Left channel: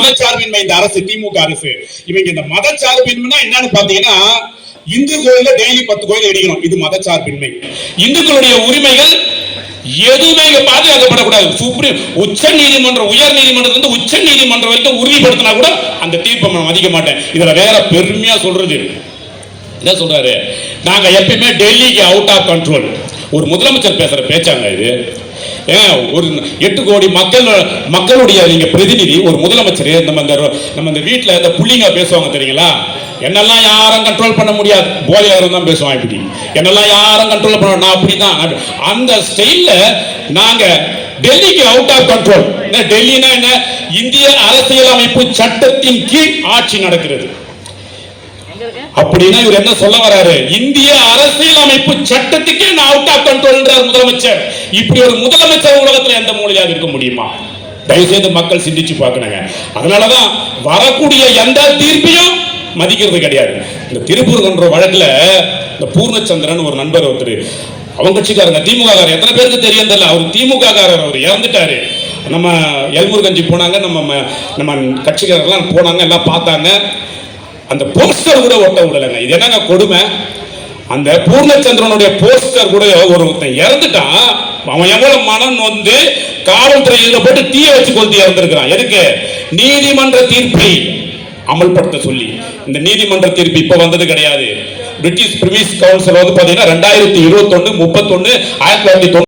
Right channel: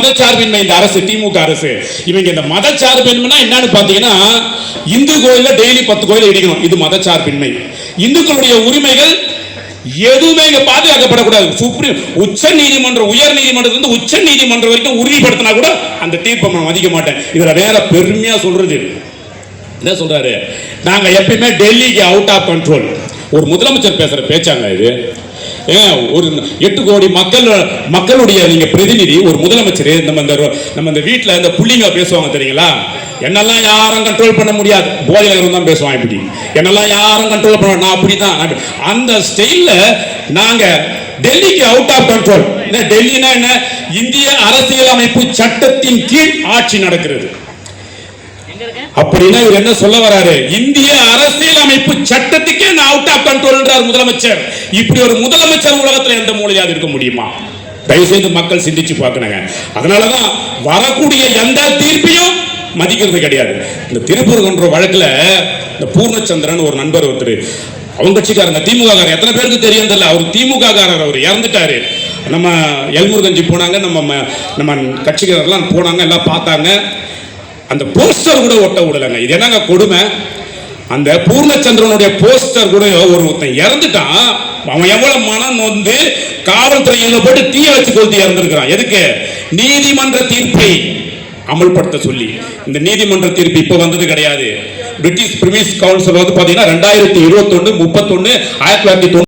மதச்சார்பின்மை இந்த அரசு, திமுக அரசு. இவங்க இந்த மதச்சார்பின்மைனா என்னன்னு பாத்தீங்கன்னா, இந்து கோயில்ல டெய்லி 10 கோயில் இடிக்கணும், இது மதச்சார்பின்மை. இந்துக்களுடைய உரிமைகள் எதுவுமே பாதுகாக்கப்படக்கூடாது. சுப்ரீம் உச்ச நீதிமன்றம், உயர் நீதிமன்றத்திலிருந்து உச்ச நீதிமன்றம் வரைக்கும் உறுதிப்படுத்தினா கூட அந்த தீர்ப்பை நான் மதிக்க மாட்டேன். இதுல வேற பெருமையா சொல்றது என்ன சொல்றாரு, நாங்க எப்பயுமே டெல்லிக்கு அவுட் ஆஃப் கண்ட்ரோல். ஒரு முதலமைச்சர் பேசுற பேச்சாங்க இது. ஒரு 8 கோடி மக்களுடைய நீங்க பிரதிநிதி, ஒரு முதலமைச்சர். நம்ம இந்த வீட்டில் இந்த புள்ளிங்க பேசுவாங்க தெரியுங்களா, என்னெல்லாம் யாரும் கண்ட்ரோல் பண்ண முடியாது, போதையில தான் பேசுவான் இப்படி, என்னெல்லாம் யாரும் கண்ட்ரோல் பண்ண, நான் அப்படிதான் அந்த ஸ்டைல்ல நாங்க டெல்லிக்கு அவுட் ஆஃப் கண்ட்ரோல். டெல்லினா என்ன, இந்திய அரசியலமைப்பு சட்டத்தின் கீழ் ஆட்சி நடக்கிறது. அப்படின்னா இவர் என்ன சொல்ல வராரு, இந்திய அரசியலமைப்பு சட்டத்துக்கே நான் அவுட் ஆஃப் கண்ட்ரோல் என்றார் முதலமைச்சர். இப்படி ஒரு முதலமைச்சர் உலகத்தில் எந்த மூலையாக இருக்க முடியுமா? தயவுசெய்து மக்கள் சிந்திச்சு பார்க்கணுங்க. அதனாலதான் வரக்கூடிய எந்த தீர்ப்பையும் மதிக்கிறது கிடையாது. இந்த திருப்பூர் வழக்குல இந்த பூர்ணச்சந்திரன் ஒரு நண்பர் ஒருத்தர், அவங்க கட்சிக்காரங்க, திமுக காரர், எத்தனை பேருக்கு தெரியும் தெரியல, அவர் திமுக காரர், அவர் இறந்துட்டாரு. நம்ம எல்முருகஞ்சி போனாங்க, நம்ம கட்சிக்காரர்லாம் போனாங்க, எல்லாம் பார்த்தாங்க. அந்த போஸ்டர் கூட ஒட்ட விடலைங்க. இது என்னங்க கொடுமை, அந்த பூர்ணச்சந்திரனுடைய போஸ்டர் கூட ஒருத்தன் இறந்துட்டான், அவன் எவ்வளவு மனம் வந்து காவல்துறையில் போட்டு தீய வச்சு கொளுத்தி இறந்திருக்கிறான். எதுக்கு? நீதிமன்ற தீர்ப்பை அமல்படுத்த சொல்லி. இந்த நீதிமன்ற தீர்ப்பு இப்ப வந்தது கிடையாது. பிரிட்டிஷ் பிரிமிஸ் கவுன்சில் வந்து பாத்தீங்கன்னா 2021 31 1990